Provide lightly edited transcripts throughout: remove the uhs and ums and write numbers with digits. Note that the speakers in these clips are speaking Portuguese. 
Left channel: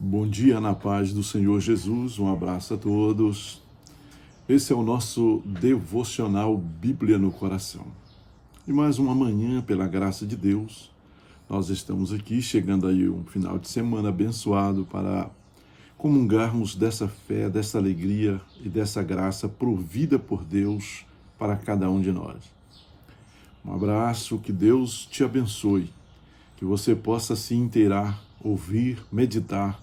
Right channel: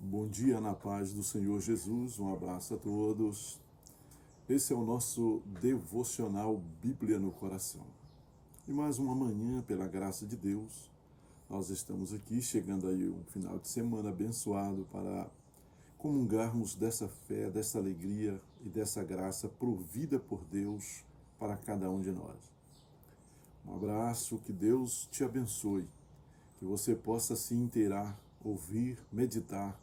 Bom dia na paz do Senhor Jesus, um abraço a todos. Esse é o nosso devocional Bíblia no Coração. E mais uma manhã, pela graça de Deus, nós estamos aqui, chegando aí um final de semana abençoado para comungarmos dessa fé, dessa alegria e dessa graça provida por Deus para cada um de nós. Um abraço, que Deus te abençoe, que você possa se inteirar, ouvir, meditar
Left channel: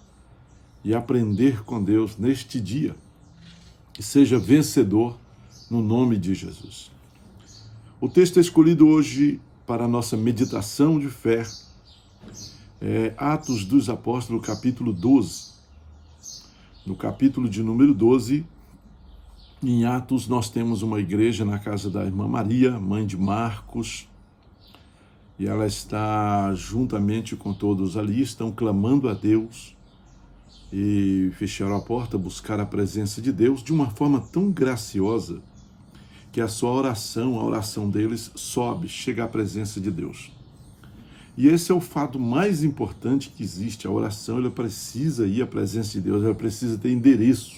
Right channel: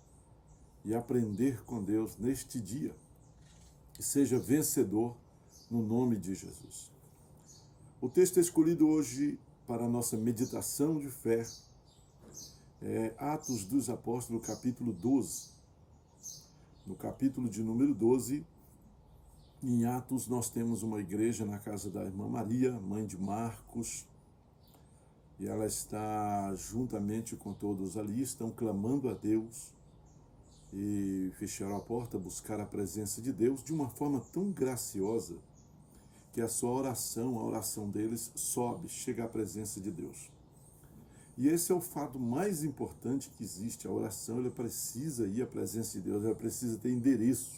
e aprender com Deus neste dia, e seja vencedor no nome de Jesus. O texto escolhido hoje para a nossa meditação de fé é Atos dos Apóstolos, capítulo 12. No capítulo de número 12, em Atos, nós temos uma igreja na casa da irmã Maria, mãe de Marcos, e ela está juntamente com todos ali, estão clamando a Deus, e fecharam a porta, buscaram a presença de Deus de uma forma tão graciosa que a sua oração, a oração deles sobe, chega à presença de Deus. E esse é o fato mais importante que existe. A oração, ela precisa ir à presença de Deus, ela precisa ter endereço.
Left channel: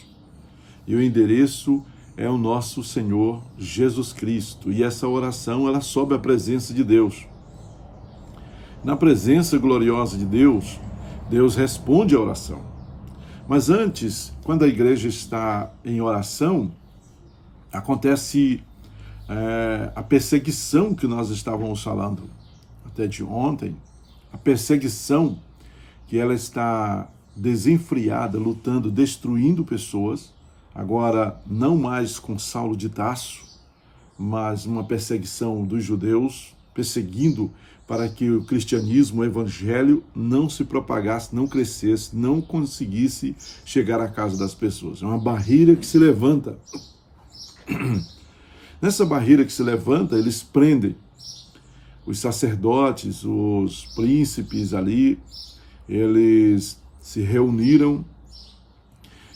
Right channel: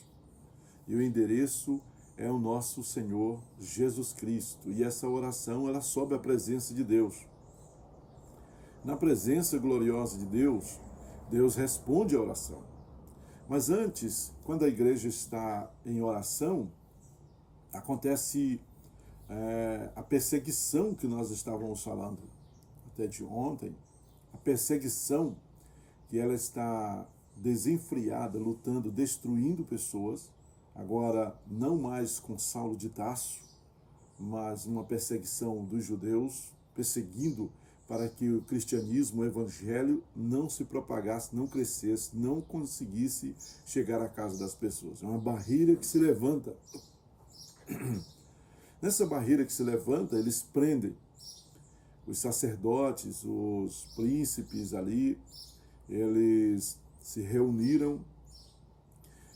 E o endereço é o nosso Senhor Jesus Cristo. E essa oração, ela sobe à presença de Deus. Na presença gloriosa de Deus, Deus responde à oração. Mas antes, quando a igreja está em oração, acontece a perseguição que nós estávamos falando até de ontem, a perseguição que ela está desenfreada, lutando, destruindo pessoas, agora não mais com Saulo de Tarso, mas uma perseguição dos judeus, perseguindo para que o cristianismo, o evangelho, não se propagasse, não crescesse, não conseguisse chegar à casa das pessoas. É uma barreira que se levanta. Nessa barreira que se levanta, eles prendem os sacerdotes, os príncipes ali, eles se reuniram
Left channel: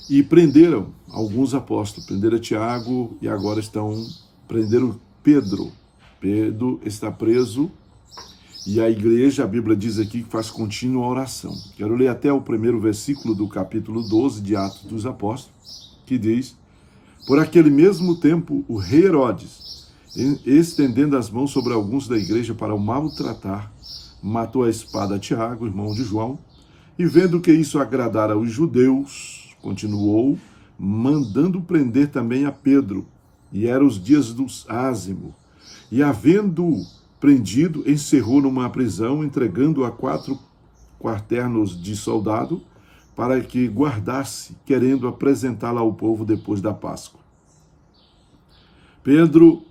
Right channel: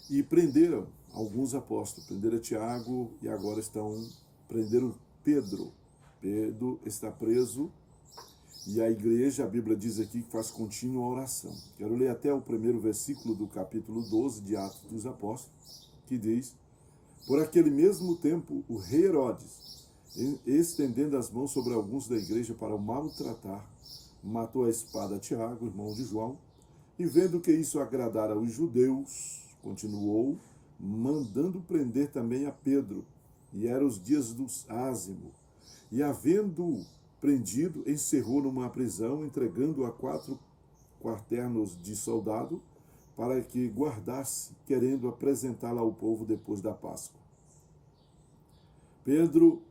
e prenderam alguns apóstolos, prenderam Tiago e agora prenderam Pedro. Pedro está preso. E a igreja, a Bíblia diz aqui que faz contínua oração. Quero ler até o primeiro versículo do capítulo 12 de Atos dos Apóstolos, que diz: Por aquele mesmo tempo, o rei Herodes, estendendo as mãos sobre alguns da igreja para o maltratar, matou a espada a Tiago, irmão de João, e vendo que isso agradara aos judeus, continuou, mandando prender também a Pedro, e eram os dias do ázimo, e havendo prendido, encerrou numa prisão, entregando a 4 quaternos de soldado para que guardasse, querendo apresentá-la ao povo depois da Páscoa. Pedro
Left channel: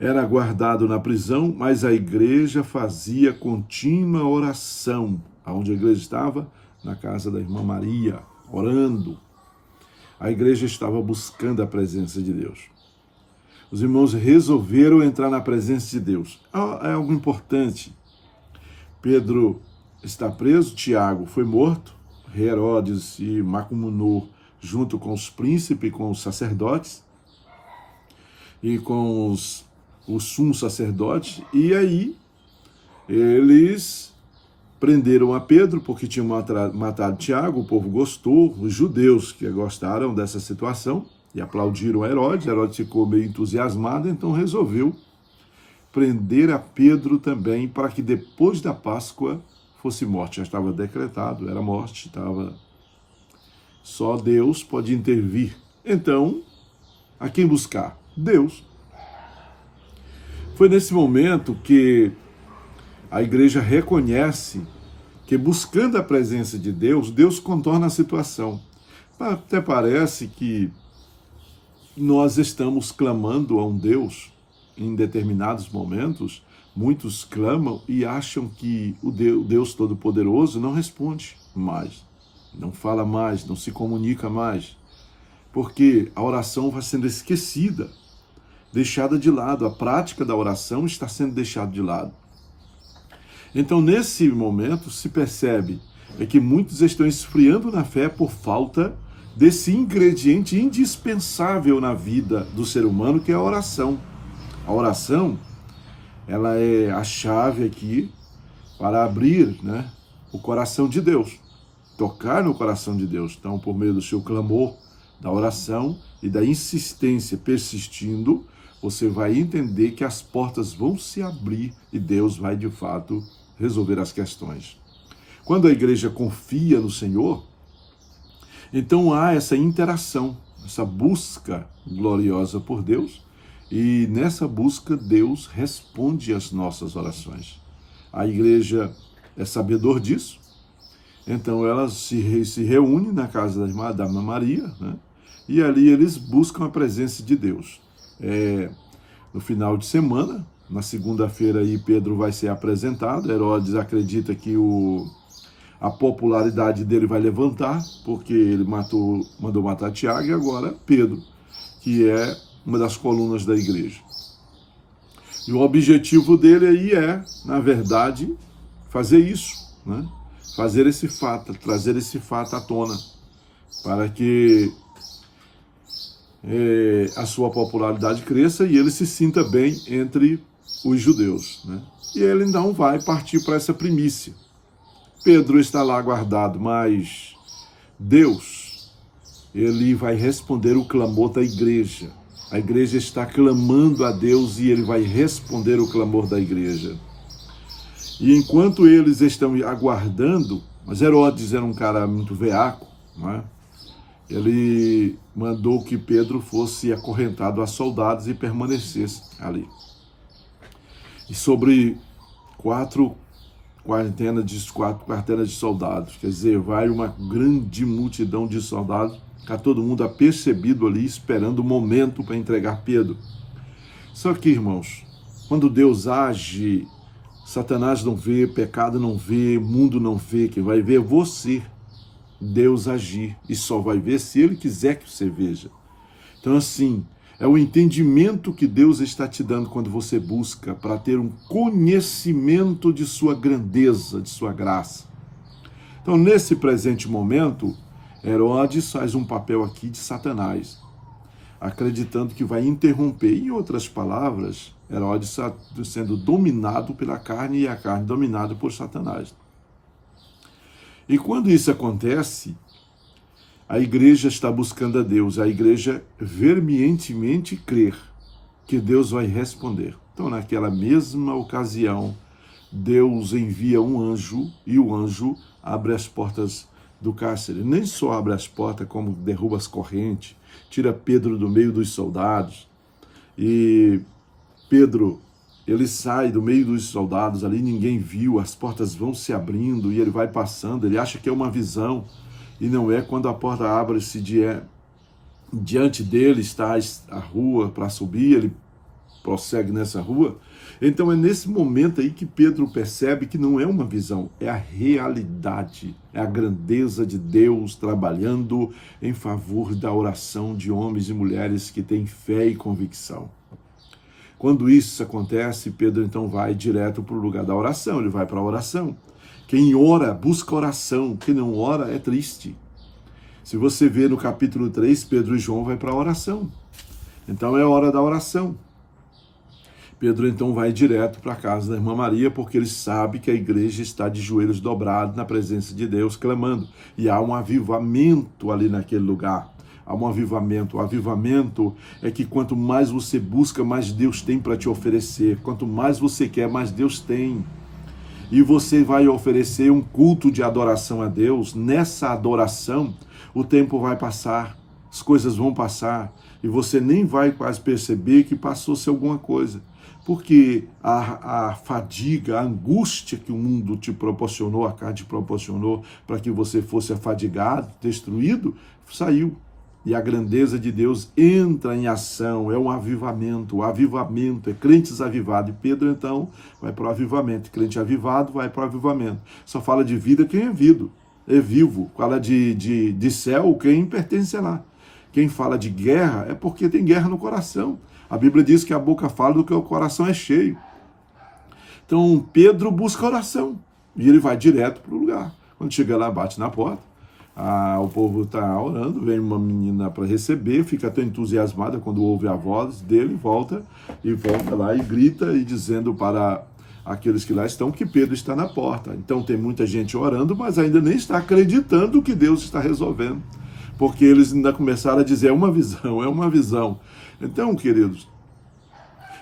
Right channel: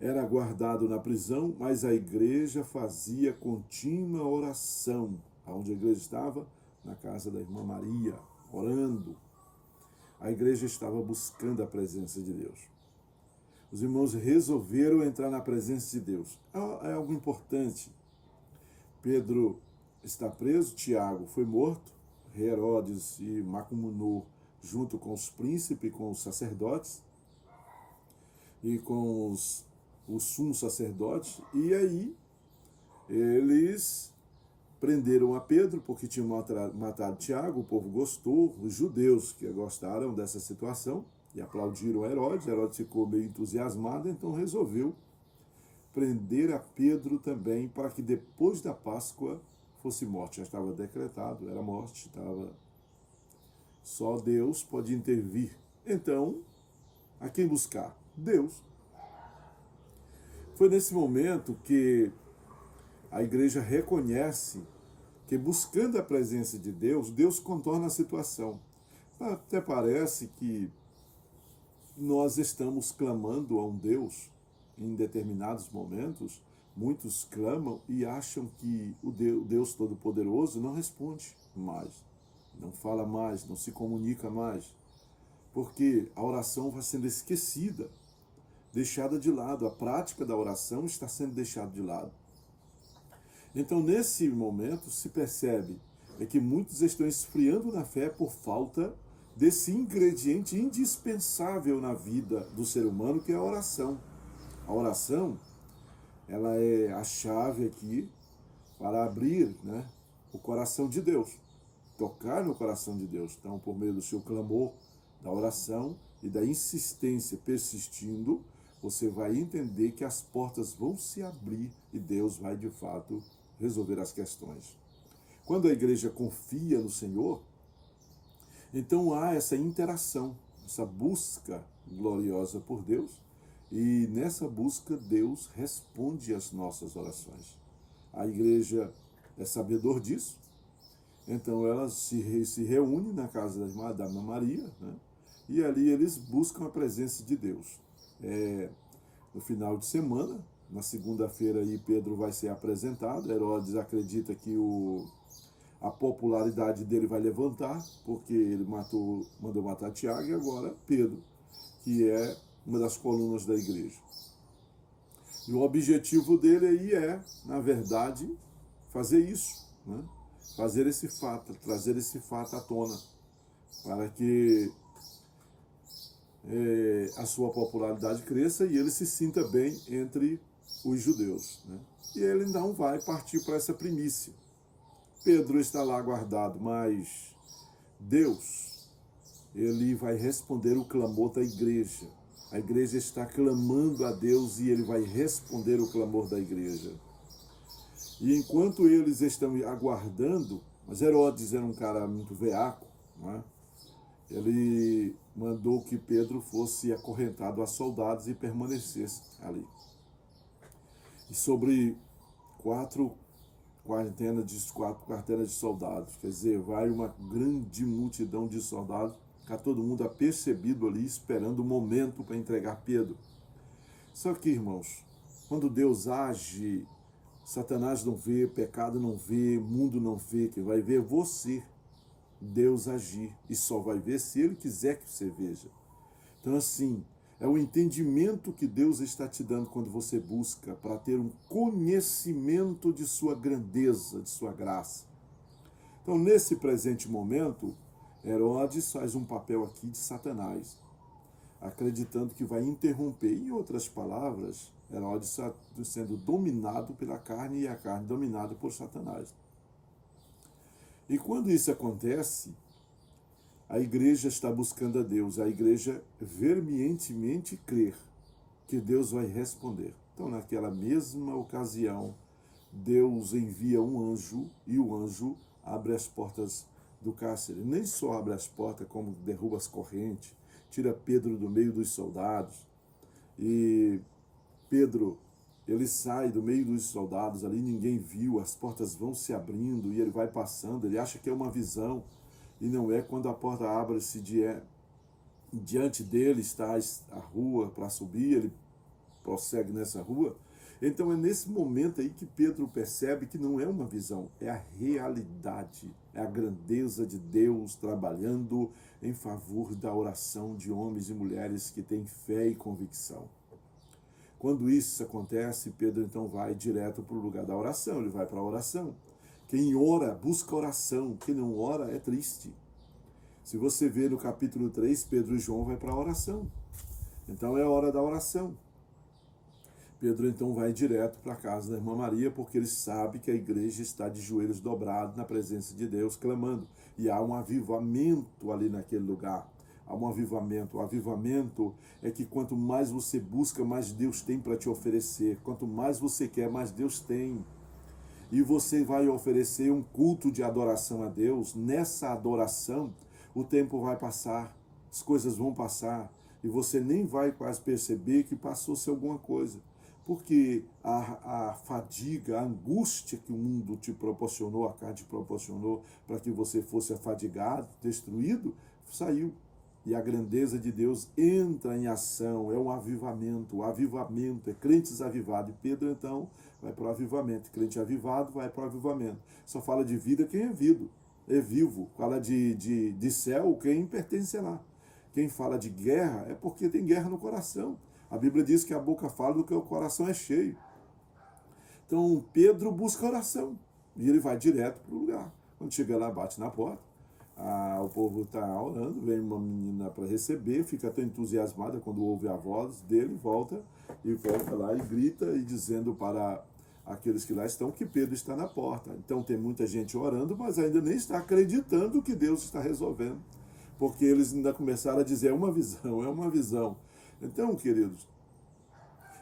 era guardado na prisão, mas a igreja fazia contínua oração. Aonde a igreja estava? Na casa da irmã Maria, orando. A igreja estava buscando a presença de Deus. Os irmãos resolveram entrar na presença de Deus. É algo importante. Pedro está preso, Tiago foi morto, Herodes e Macumunor, junto com os príncipes, com os sacerdotes e com os sumos sacerdotes. E aí eles prenderam a Pedro porque tinham matado Tiago, o povo gostou, os judeus que gostaram dessa situação, e aplaudiram a Herodes. Herodes ficou meio entusiasmado, então resolveu prender a Pedro também, para que depois da Páscoa fosse morte. Já estava decretado, era morte, só Deus pode intervir. Então, a quem buscar? Deus. Foi nesse momento que a igreja reconhece que, buscando a presença de Deus, Deus contorna a situação. Até parece que nós estamos clamando a um Deus em determinados momentos. Muitos clamam e acham que o Deus Todo-Poderoso não responde mais, não fala mais, não se comunica mais, porque a oração vai sendo esquecida, deixada de lado. A prática da oração está sendo deixada de lado. Então, nesse momento, se percebe que muitos estão esfriando na fé por falta desse ingrediente indispensável na vida do ser humano, que é a oração. A oração, ela é a chave aqui para abrir, o coração de Deus. tocar no coração de Deus. Então, por meio do seu clamor, da oração e da insistência persistindo, você vai entender que as portas vão se abrir e Deus vai, de fato, resolver as questões. Quando a igreja confia no Senhor, então há essa interação, essa busca gloriosa por Deus, e nessa busca Deus responde às nossas orações. A igreja é sabedor disso, então ela se reúne na casa da Irmã Maria, né? E ali eles buscam a presença de Deus. No final de semana, na segunda-feira, aí Pedro vai ser apresentado. Herodes acredita que a popularidade dele vai levantar, porque ele mandou matar Tiago, e agora Pedro, que é uma das colunas da igreja. E o objetivo dele aí é, na verdade, fazer isso, né? Fazer esse fato, trazer esse fato à tona, para que a sua popularidade cresça e ele se sinta bem entre os judeus, né? E ele então vai partir para essa primícia. Pedro está lá guardado, mas Deus, ele vai responder o clamor da igreja. A igreja está clamando a Deus e ele vai responder o clamor da igreja. E enquanto eles estão aguardando, mas Herodes era um cara muito veaco, né? Ele mandou que Pedro fosse acorrentado a soldados e permanecesse ali. E sobre quatro quartenas de soldados, quer dizer, vai uma grande multidão de soldados, fica todo mundo apercebido ali, esperando o momento para entregar Pedro. Só que, irmãos, quando Deus age, Satanás não vê, pecado não vê, mundo não vê, quem vai ver é você. Deus agir, e só vai ver se Ele quiser que você veja. Então, assim, é o entendimento que Deus está te dando quando você busca para ter um conhecimento de sua grandeza, de sua graça. Então, nesse presente momento, Herodes faz um papel aqui de Satanás, acreditando que vai interromper. Em outras palavras, Herodes está sendo dominado pela carne e a carne dominada por Satanás. E quando isso acontece, a igreja está buscando a Deus, a igreja veementemente crer que Deus vai responder. Então, naquela mesma ocasião, Deus envia um anjo e o anjo abre as portas do cárcere. Nem só abre as portas, como derruba as correntes, tira Pedro do meio dos soldados. E Pedro, ele sai do meio dos soldados, ali ninguém viu, as portas vão se abrindo e ele vai passando, ele acha que é uma visão, e não é. Quando a porta abre-se diante dele está a rua para subir, ele prossegue nessa rua. Então é nesse momento aí que Pedro percebe que não é uma visão, é a realidade, é a grandeza de Deus trabalhando em favor da oração de homens e mulheres que têm fé e convicção. Quando isso acontece, Pedro então vai direto para o lugar da oração, ele vai para a oração. Quem ora, busca oração, quem não ora é triste. Se você vê no capítulo 3, Pedro e João vai para a oração. Então é hora da oração. Pedro então vai direto para a casa da Irmã Maria, porque ele sabe que a igreja está de joelhos dobrados na presença de Deus, clamando. E há um avivamento ali naquele lugar. Há um avivamento. O avivamento é que quanto mais você busca, mais Deus tem para te oferecer. Quanto mais você quer, mais Deus tem. E você vai oferecer um culto de adoração a Deus. Nessa adoração, o tempo vai passar, as coisas vão passar, e você nem vai quase perceber que passou-se alguma coisa. Porque a fadiga, a angústia que o mundo te proporcionou, a carne te proporcionou, para que você fosse afadigado, destruído, saiu. E a grandeza de Deus entra em ação, é um avivamento. O avivamento é crentes avivados. E Pedro, então, vai para o avivamento. Crente avivado vai para o avivamento. Só fala de vida quem é vivo. Fala de céu quem pertence lá. Quem fala de guerra é porque tem guerra no coração. A Bíblia diz que a boca fala do que o coração é cheio. Então, Pedro busca oração. E ele vai direto para o lugar. Quando chega lá, bate na porta. O povo está orando, vem uma menina para receber, fica tão entusiasmada quando ouve a voz dele, volta lá e grita, e dizendo para aqueles que lá estão, que Pedro está na porta. Então tem muita gente orando, mas ainda nem está acreditando que Deus está resolvendo, porque eles ainda começaram a dizer, é uma visão, é uma visão. Então, queridos,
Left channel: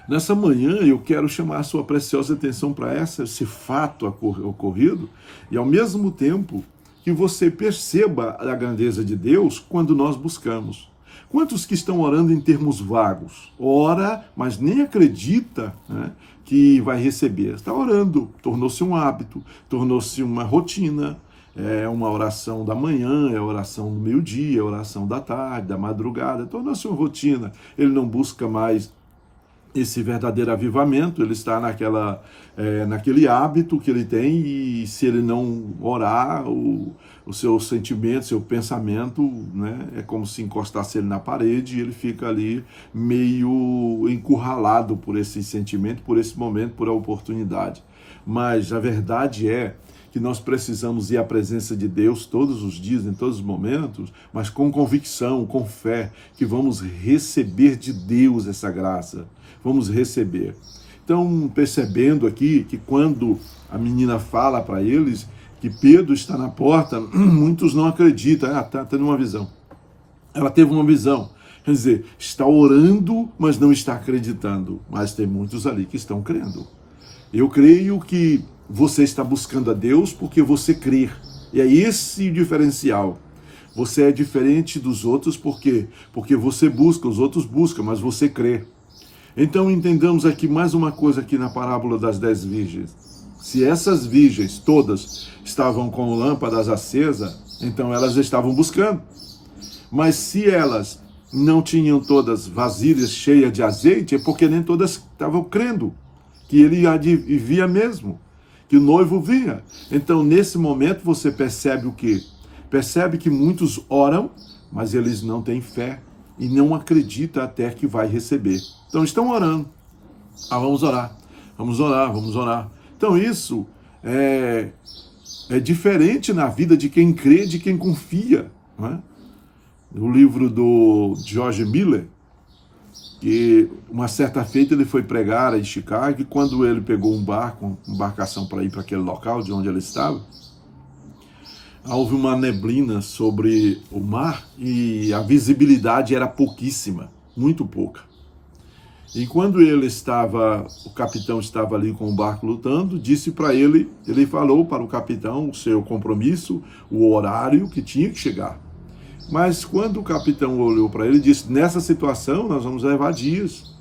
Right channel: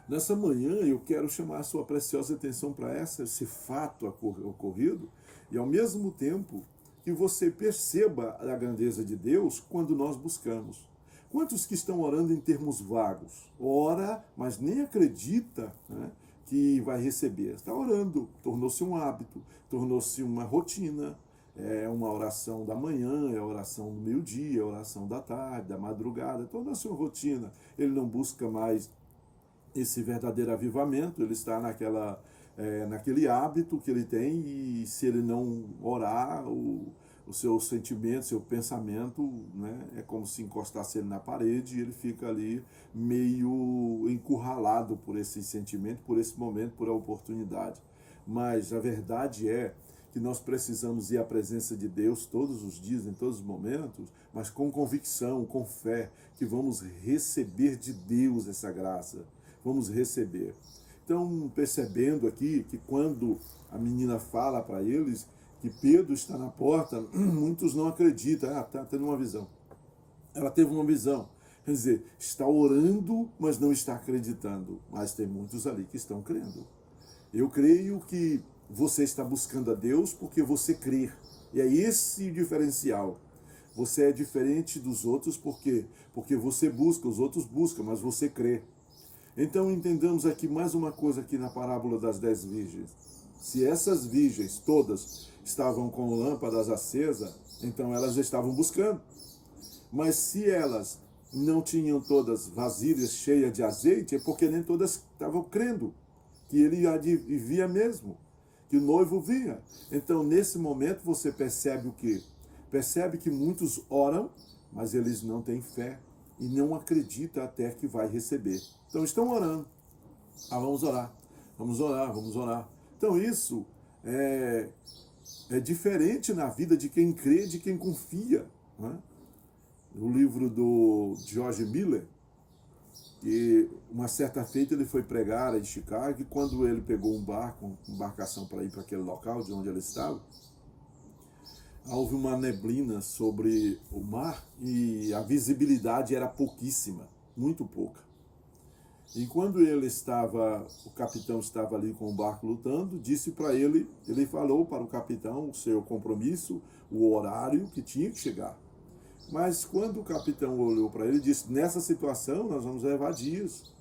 nessa manhã eu quero chamar a sua preciosa atenção para esse fato ocorrido, e ao mesmo tempo que você perceba a grandeza de Deus quando nós buscamos. Quantos que estão orando em termos vagos? Ora, mas nem acredita, né, que vai receber. Está orando, tornou-se um hábito, tornou-se uma rotina. É uma oração da manhã, é a oração do meio-dia, é a oração da tarde, da madrugada. Tornou-se uma rotina. Ele não busca mais esse verdadeiro avivamento, ele está naquele hábito que ele tem, e se ele não orar, o seu sentimento, seu pensamento, né, é como se encostasse ele na parede e ele fica ali meio encurralado por esse sentimento, por esse momento, por a oportunidade. Mas a verdade é que nós precisamos ir à presença de Deus todos os dias, em todos os momentos, mas com convicção, com fé, que vamos receber de Deus essa graça. Vamos receber. Então, percebendo aqui que quando a menina fala para eles que Pedro está na porta, muitos não acreditam. Está tendo uma visão. Ela teve uma visão. Quer dizer, está orando, mas não está acreditando. Mas tem muitos ali que estão crendo. Eu creio que você está buscando a Deus porque você crê. E é esse o diferencial. Você é diferente dos outros porque você busca, os outros buscam, mas você crê. Então entendamos aqui mais uma coisa aqui na parábola das 10 virgens. Se essas virgens todas estavam com lâmpadas acesas, então elas estavam buscando. Mas se elas não tinham todas vasilhas cheias de azeite, é porque nem todas estavam crendo que ele via mesmo, que o noivo via. Então nesse momento você percebe o quê? Percebe que muitos oram, mas eles não têm fé e não acreditam até que vai receber. Então estão orando. Vamos orar, vamos orar, vamos orar. Então isso é diferente na vida de quem crê, de quem confia. Né? No livro do George Miller, que uma certa feita ele foi pregar em Chicago, e quando ele pegou um barco, uma embarcação para ir para aquele local de onde ele estava, houve uma neblina sobre o mar e a visibilidade era pouquíssima, muito pouca. E quando o capitão estava ali com o barco lutando, disse para ele falou para o capitão o seu compromisso, o horário que tinha que chegar. Mas quando o capitão olhou para ele, disse, nessa situação nós vamos levar dias.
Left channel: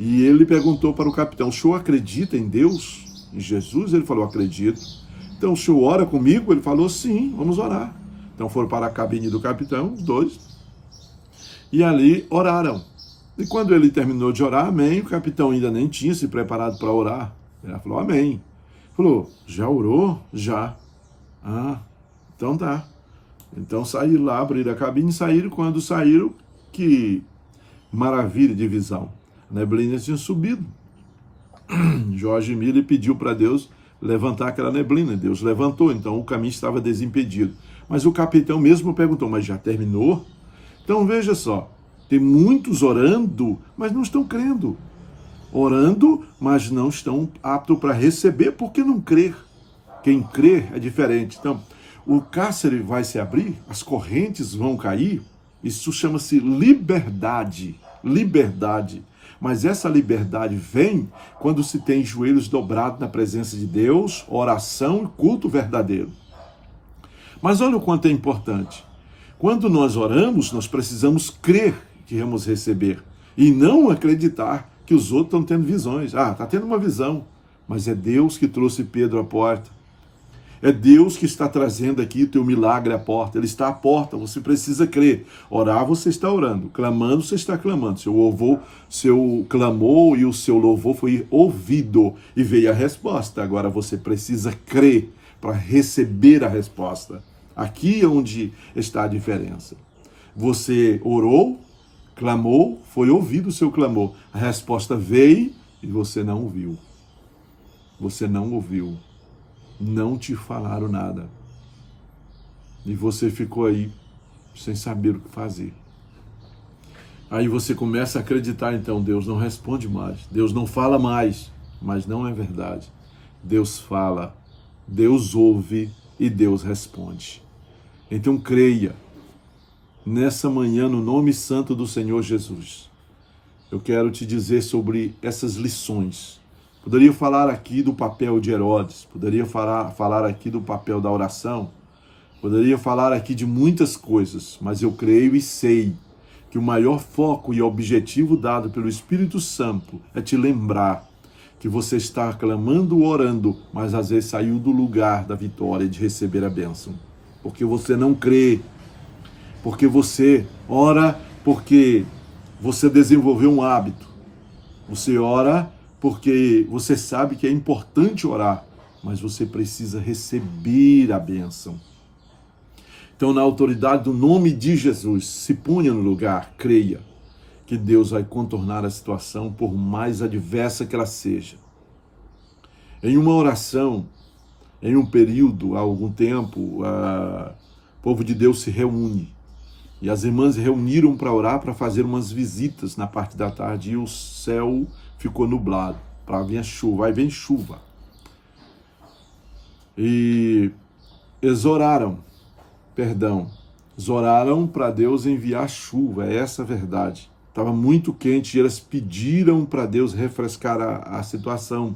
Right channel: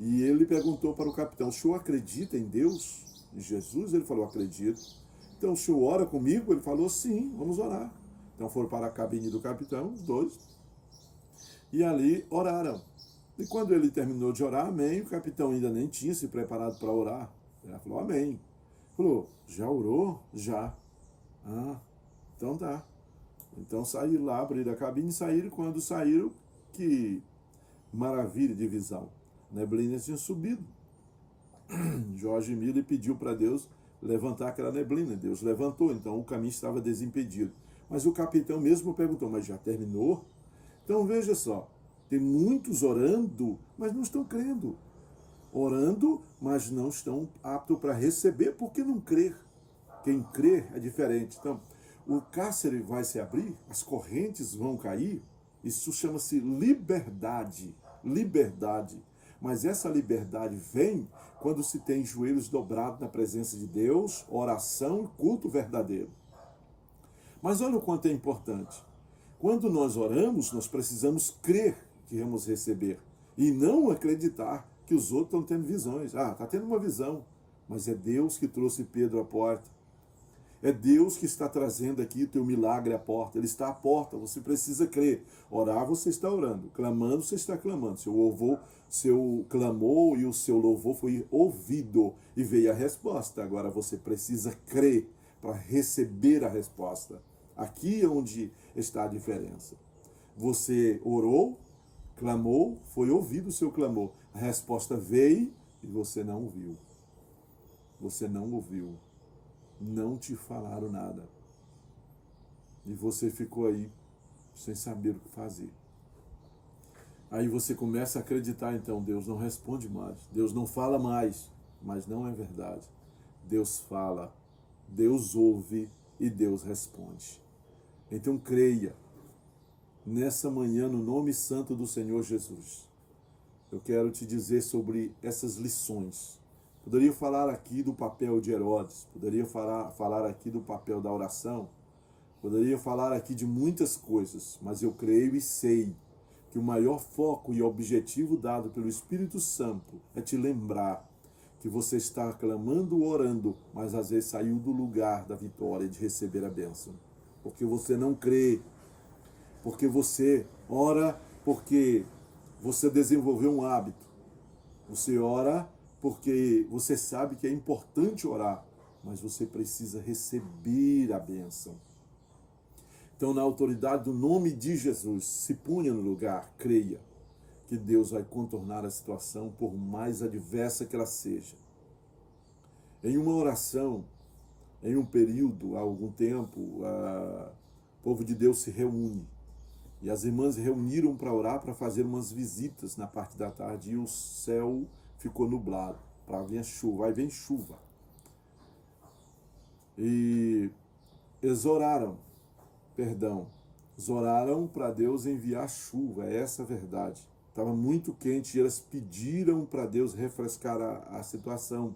E ele perguntou para o capitão, o senhor acredita em Deus, em Jesus? Ele falou, acredito. Então o senhor ora comigo? Ele falou, sim, vamos orar. Então foram para a cabine do capitão, os dois, e ali oraram. E quando ele terminou de orar, amém, o capitão ainda nem tinha se preparado para orar. Ele falou, amém. Falou, já orou? Já. Então tá. Então saíram lá, abriram a cabine e saíram. Quando saíram, que maravilha de visão. A neblina tinha subido. George Miller pediu para Deus levantar aquela neblina. Deus levantou, então o caminho estava desimpedido. Mas o capitão mesmo perguntou, mas já terminou? Então veja só, tem muitos orando, mas não estão crendo. Orando, mas não estão aptos para receber, porque não crer. Quem crê é diferente. Então, o cárcere vai se abrir, as correntes vão cair, isso chama-se liberdade. Liberdade. Mas essa liberdade vem quando se tem joelhos dobrados na presença de Deus, oração e culto verdadeiro. Mas olha o quanto é importante. Quando nós oramos, nós precisamos crer que vamos receber e não acreditar que os outros estão tendo visões. Está tendo uma visão, mas é Deus que trouxe Pedro à porta. É Deus que está trazendo aqui o teu milagre à porta. Ele está à porta, você precisa crer. Orar, você está orando. Clamando, você está clamando. Seu clamor e o seu louvor foi ouvido e veio a resposta. Agora você precisa crer para receber a resposta. Aqui é onde está a diferença. Você orou, clamou, foi ouvido o seu clamor. A resposta veio e você não ouviu. Você não ouviu. Não te falaram nada. E você ficou aí sem saber o que fazer. Aí você começa a acreditar, então, Deus não responde mais. Deus não fala mais. mas não é verdade. Deus fala, Deus ouve e Deus responde. Então creia nessa manhã no nome santo do Senhor Jesus. Eu quero te dizer sobre essas lições. Poderia falar aqui do papel de Herodes, poderia falar aqui do papel da oração, poderia falar aqui de muitas coisas, mas eu creio e sei que o maior foco e objetivo dado pelo Espírito Santo é te lembrar que você está clamando, orando, mas às vezes saiu do lugar da vitória de receber a bênção. Porque você não crê, porque você ora, porque você desenvolveu um hábito. Você ora porque você sabe que é importante orar, mas você precisa receber a bênção. Então, na autoridade do nome de Jesus, se ponha no lugar, creia que Deus vai contornar a situação, por mais adversa que ela seja. Em uma oração, em um período, há algum tempo, o povo de Deus se reúne. E as irmãs se reuniram para orar, para fazer umas visitas na parte da tarde, e o céu ficou nublado, para vir a chuva, aí vem chuva. E eles oraram para Deus enviar chuva, é essa a verdade. Estava muito quente e elas pediram para Deus refrescar a situação.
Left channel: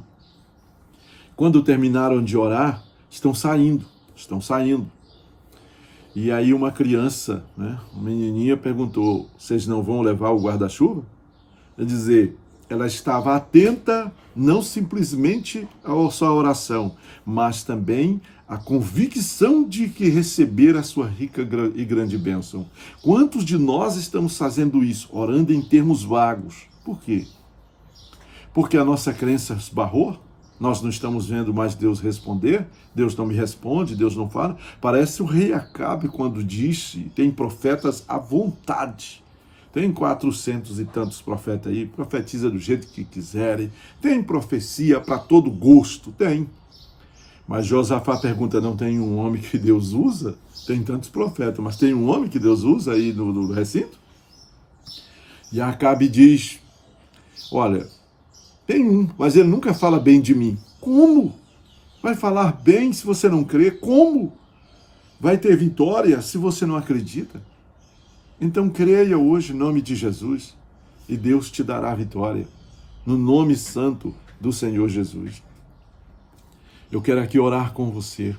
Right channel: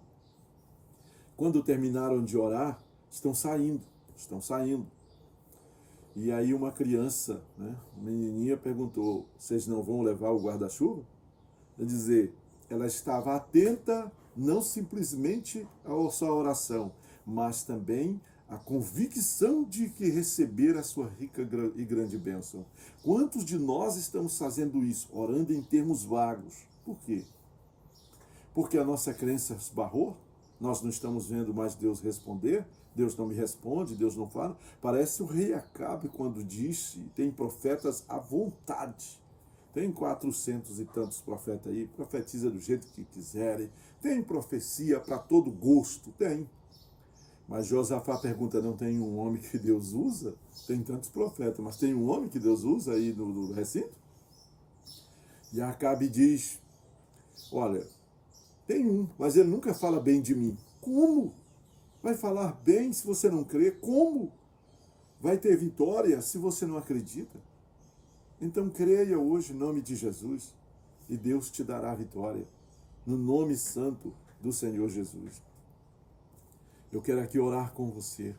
Quando terminaram de orar, estão saindo. E aí uma criança, uma menininha perguntou, vocês não vão levar o guarda-chuva? Quer dizer, ela estava atenta, não simplesmente à sua oração, mas também à convicção de que receber a sua rica e grande bênção. Quantos de nós estamos fazendo isso, orando em termos vagos? Por quê? Porque a nossa crença esbarrou? Nós não estamos vendo mais Deus responder? Deus não me responde, Deus não fala? Parece o rei Acabe quando disse, tem profetas à vontade. Tem 400 e tantos profetas aí, profetiza do jeito que quiserem. Tem profecia para todo gosto, tem. Mas Josafá pergunta, não tem um homem que Deus usa? Tem tantos profetas, mas tem um homem que Deus usa aí no recinto? E Acabe diz, olha, tem um, mas ele nunca fala bem de mim. Como? Vai falar bem se você não crê? Como? Vai ter vitória se você não acredita? Então creia hoje em nome de Jesus e Deus te dará a vitória. No nome santo do Senhor Jesus. Eu quero aqui orar com você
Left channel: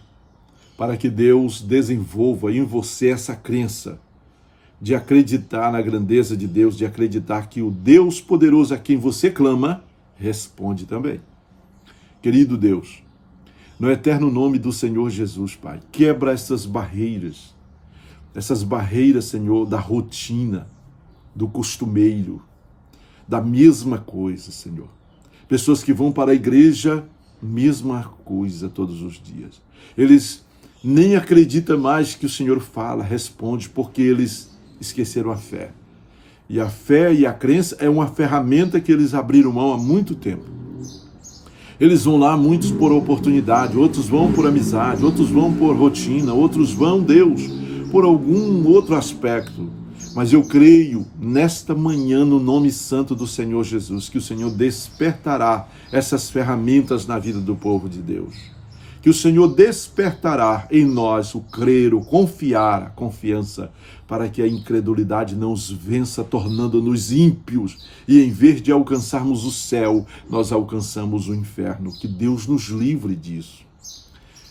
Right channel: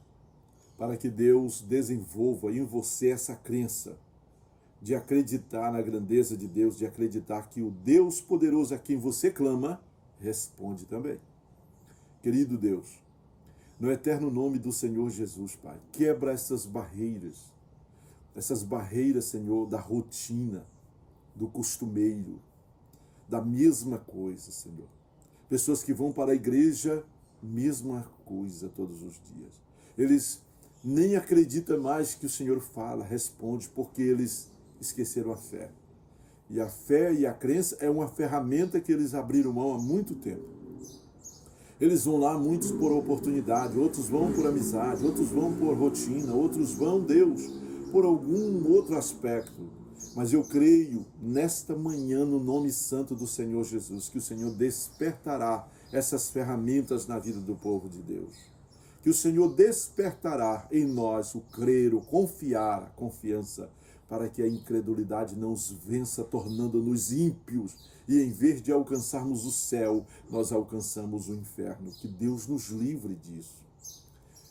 para que Deus desenvolva em você essa crença de acreditar na grandeza de Deus, de acreditar que o Deus poderoso a quem você clama responde também. Querido Deus, no eterno nome do Senhor Jesus, Pai, quebra essas barreiras, Senhor, da rotina, do costumeiro, da mesma coisa, Senhor. Pessoas que vão para a igreja, mesma coisa todos os dias. Eles nem acreditam mais que o Senhor fala, responde, porque eles esqueceram a fé. E a fé e a crença é uma ferramenta que eles abriram mão há muito tempo. Eles vão lá, muitos por oportunidade, outros vão por amizade, outros vão por rotina, outros vão, Deus, por algum outro aspecto. Mas eu creio nesta manhã, no nome santo do Senhor Jesus, que o Senhor despertará essas ferramentas na vida do povo de Deus. Que o Senhor despertará em nós o crer, o confiar, a confiança, para que a incredulidade não os vença, tornando-nos ímpios, e em vez de alcançarmos o céu, nós alcançamos o inferno. Que Deus nos livre disso.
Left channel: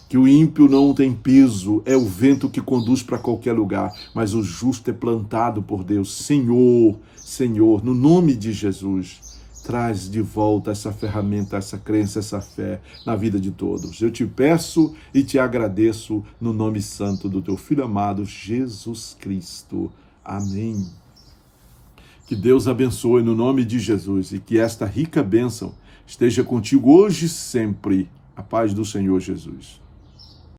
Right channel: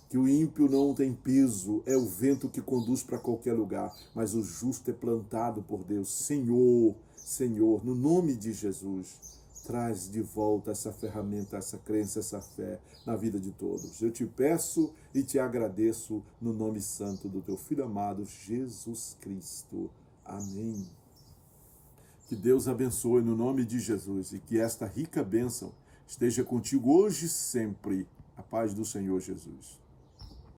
Que o ímpio não tem peso, é o vento que conduz para qualquer lugar, mas o justo é plantado por Deus. Senhor, Senhor, no nome de Jesus, traz de volta essa ferramenta, essa crença, essa fé na vida de todos. Eu te peço e te agradeço no nome santo do teu Filho amado, Jesus Cristo. Amém. Que Deus abençoe no nome de Jesus e que esta rica bênção esteja contigo hoje e sempre. A paz do Senhor Jesus.